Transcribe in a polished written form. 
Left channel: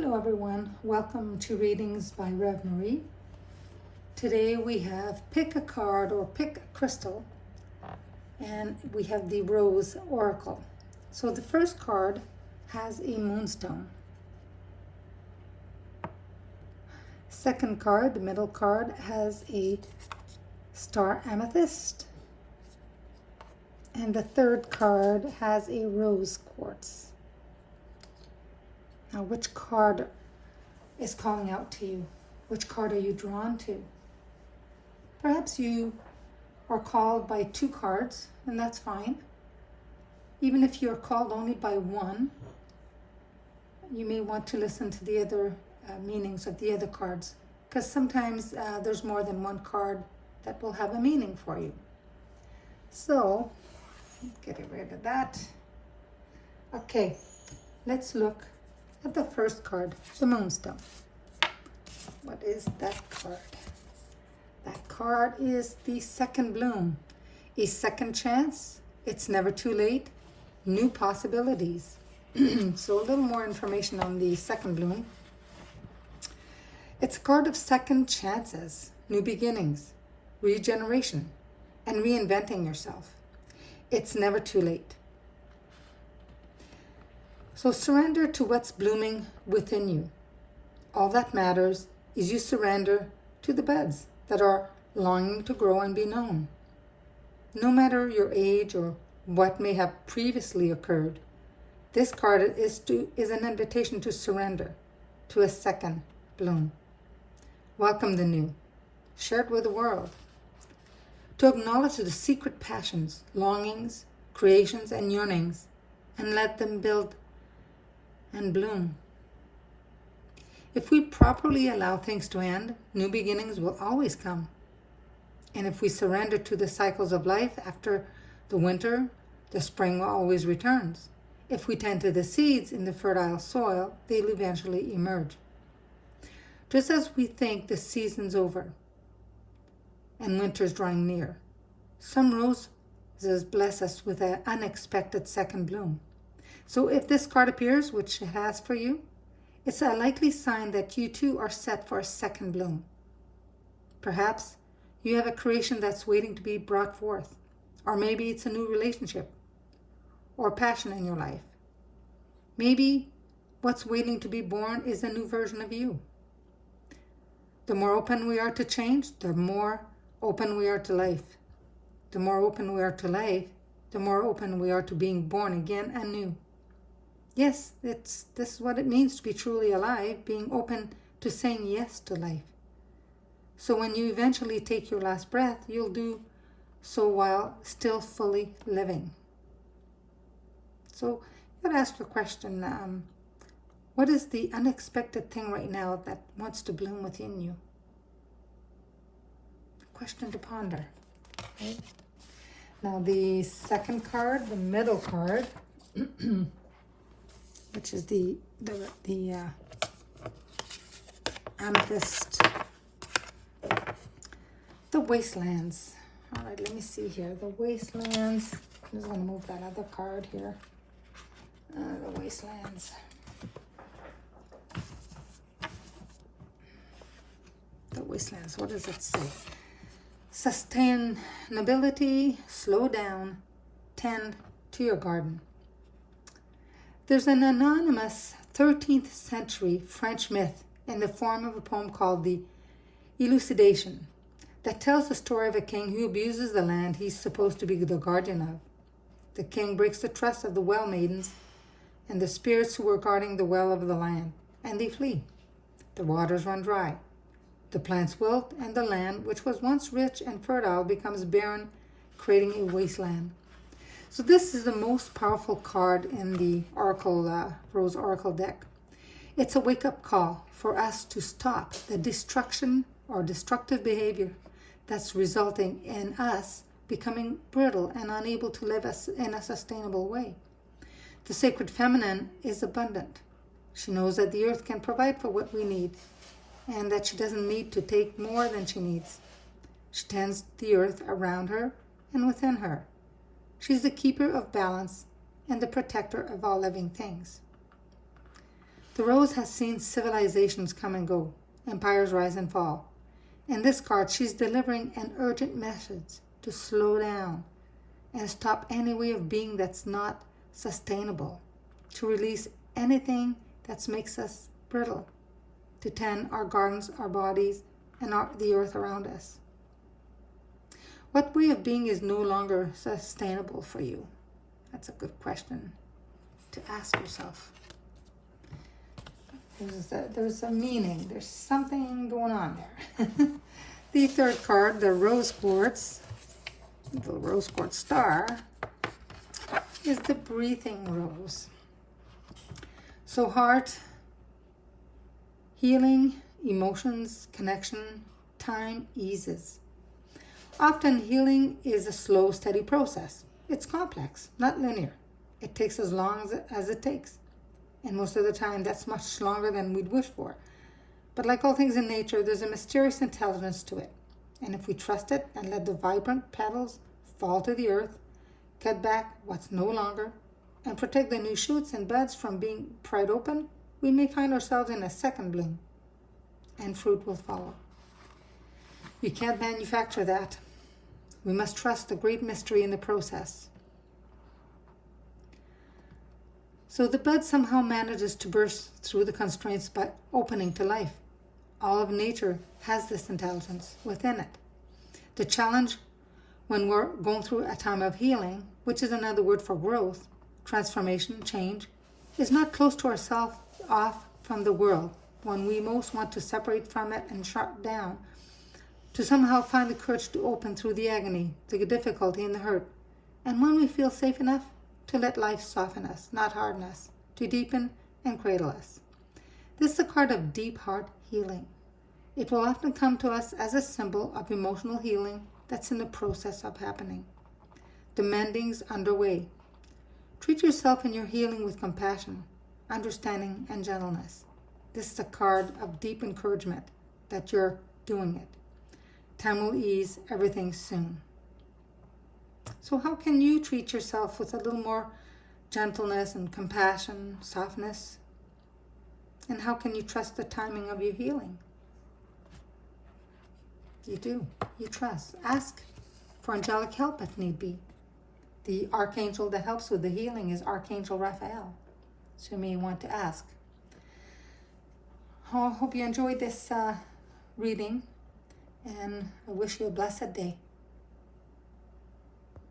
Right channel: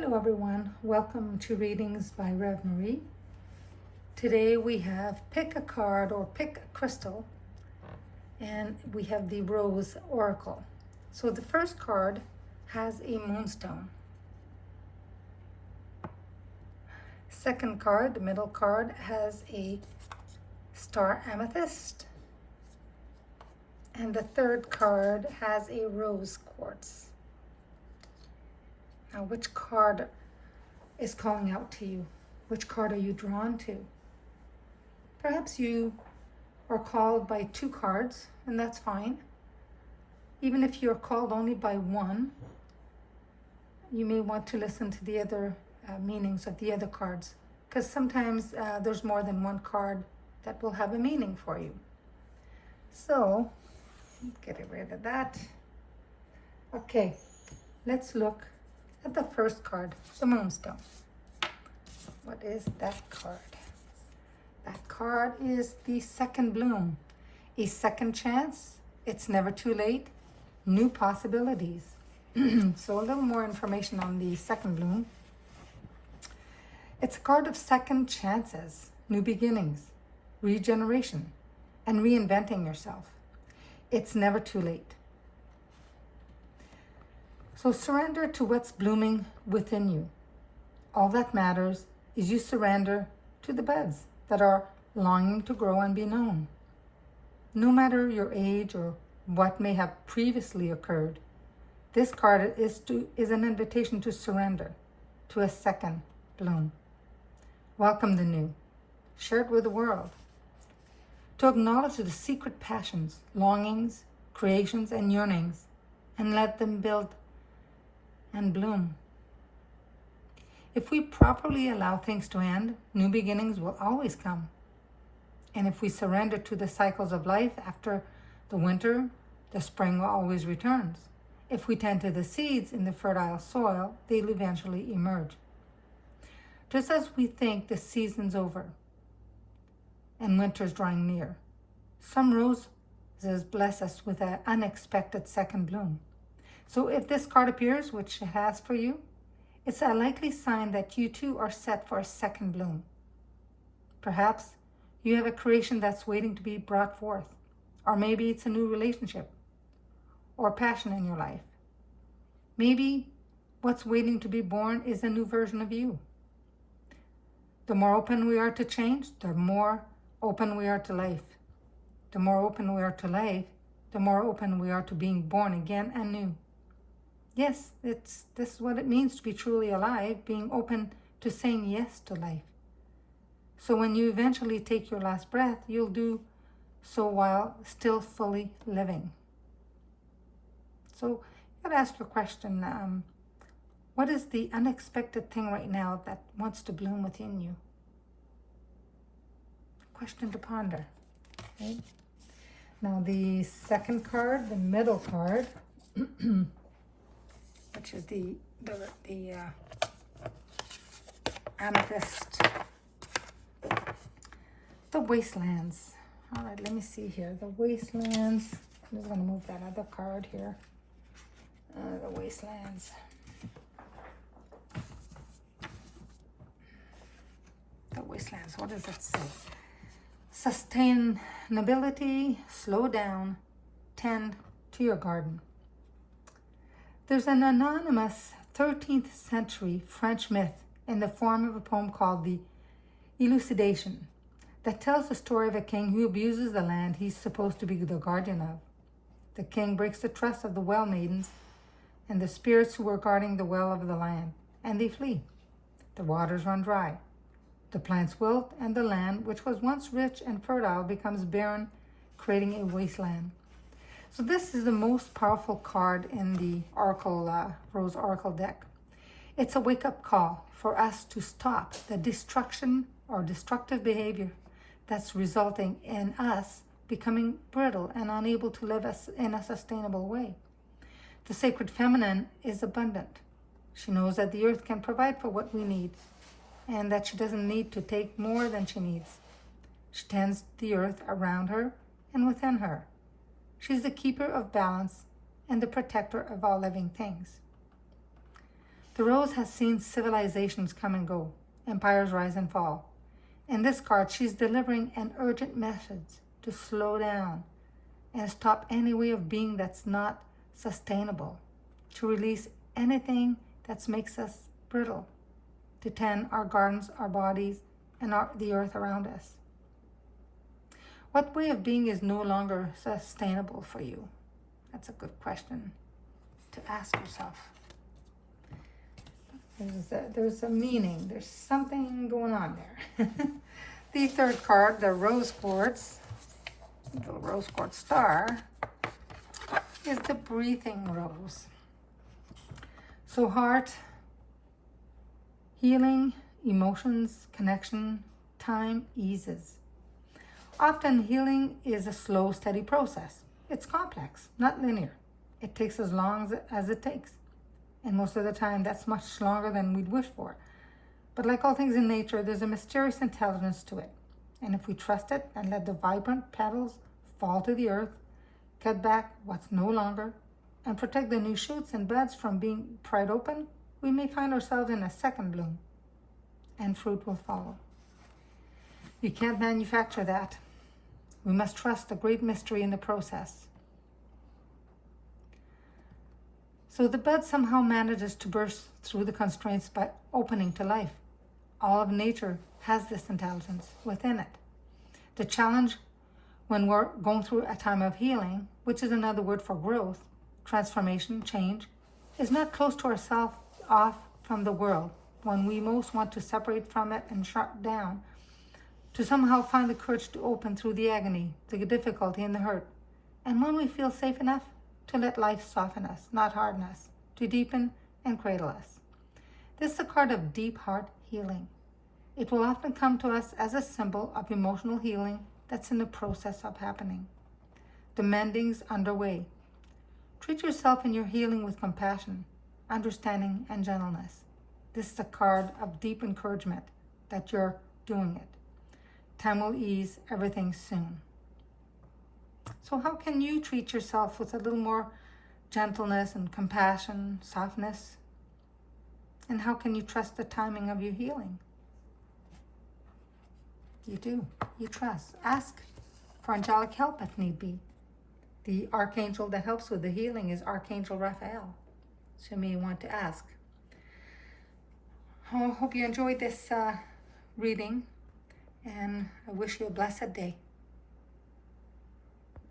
Hello everyone, welcome to Readings by Rev Marie. Today we have pick a card or pick a crystal, and we have the Rose Oracle. So the first card has a moonstone. Second card, the middle card, has a star amethyst. And the third card has a rose quartz. Now, which card is calling out to you? Which card are you drawn to? Perhaps you are called by two cards, and that's fine. Even if you're called only by one, you may want to listen to the other meanings of the other cards, because sometimes there's more than one card that will have a meaning for you. So, getting rid of that. Okay, let's look at the first card, the Moonstone. What is that card? That card is the second bloom, a second chance. It's never too late. New possibilities. So a little more information on the second bloom. It's a card of second chances, new beginnings, regeneration, and reinventing yourself. It's never too late. So surrender to what's blooming within you. All that matters is you surrender to the buds that are longing to grow and be known. No matter your age or what may have previously occurred, this card is an invitation to surrender to a second bloom. Welcome the new. Share it with the world. To acknowledge the secret passions, longings, creations, and yearnings, and let them build and bloom. If we properly allow things to end, new beginnings will always come. And if we surrender to the cycles of life, after the winter, the spring always returns. If we tend to the seeds in the fertile soil, they'll eventually emerge. Just as we think the season's over and winter's drawing near, some roses bless us with an unexpected second bloom. So if this card appears, which it has for you, it's a likely sign that you too are set for a second bloom. Perhaps you have a creation that's waiting to be brought forth, or maybe it's a new relationship or passion in your life. Maybe what's waiting to be born is a new version of you. The more open we are to change, the more open we are to life. The more open we are to life, the more open we are to being born again and new. Yes, this is what it means to be truly alive, being open to saying yes to life. So when you eventually take your last breath, you'll do so while still fully living. So you gotta ask the question, what is the unexpected thing right now that wants to bloom within you? Question to ponder. Okay. Now the second card, the middle card, which is the amethyst, the wastelands. All right, let me see here. The wastelands. I'm just going to move that other card here. The wastelands. The wastelands. What does it say? Sustainability. Slow down. Tend to your garden. There's an anonymous 13th century French myth in the form of a poem called The Elucidation that tells the story of a king who abuses the land he's supposed to be the guardian of. The king breaks the trust of the well maidens and the spirits who were guarding the well of the land, and they flee. The waters run dry. The plants wilt, and the land, which was once rich and fertile, becomes barren, creating a wasteland. So this is the most powerful card in the Oracle, Rose Oracle deck. It's a wake-up call for us to stop the destruction or destructive behavior that's resulting in us becoming brittle and unable to live in a sustainable way. The sacred feminine is abundant. She knows that the earth can provide for what we need and that she doesn't need to take more than she needs. She tends the earth around her and within her. She's the keeper of balance and the protector of all living things. The rose has seen civilizations come and go, empires rise and fall. In this card, she's delivering an urgent message to slow down and stop any way of being that's not sustainable, to release anything that makes us brittle, to tend our gardens, our bodies, and the earth around us. What way of being is no longer sustainable for you? That's a good question to ask yourself. There's a meaning. There's something going on there. The third card, the rose quartz, the rose quartz star, is the breathing rose. So heart, healing, emotions, connection, time eases. Often healing is a slow, steady process. It's complex, not linear. It takes as long as it takes. And most of the time, that's much longer than we'd wish for. But like all things in nature, there's a mysterious intelligence to it. And if we trust it and let the vibrant petals fall to the earth, cut back what's no longer, and protect the new shoots and buds from being pried open, we may find ourselves in a second bloom, and fruit will follow. You can't manufacture that. We must trust the great mystery in the process. So the bud somehow manages to burst through the constraints by opening to life. All of nature has this intelligence within it. The challenge when we're going through a time of healing, which is another word for growth, transformation, change, is not close to ourselves, off from the world, when we most want to separate from it and shut down, to somehow find the courage to open through the agony, the difficulty and the hurt. And when we feel safe enough, to let life soften us, not harden us, to deepen and cradle us. This is a card of deep heart healing. It will often come to us as a symbol of emotional healing that's in the process of happening. The mending's underway. Treat yourself in your healing with compassion, understanding, and gentleness. This is a card of deep encouragement that you're doing it. Time will ease everything soon. So how can you treat yourself with a little more gentleness and compassion, softness? And how can you trust the timing of your healing? You do. You trust. Ask for angelic help if need be. The archangel that helps with the healing is Archangel Raphael. So you may want to ask. I hope you enjoyed this reading, and I wish you a blessed day.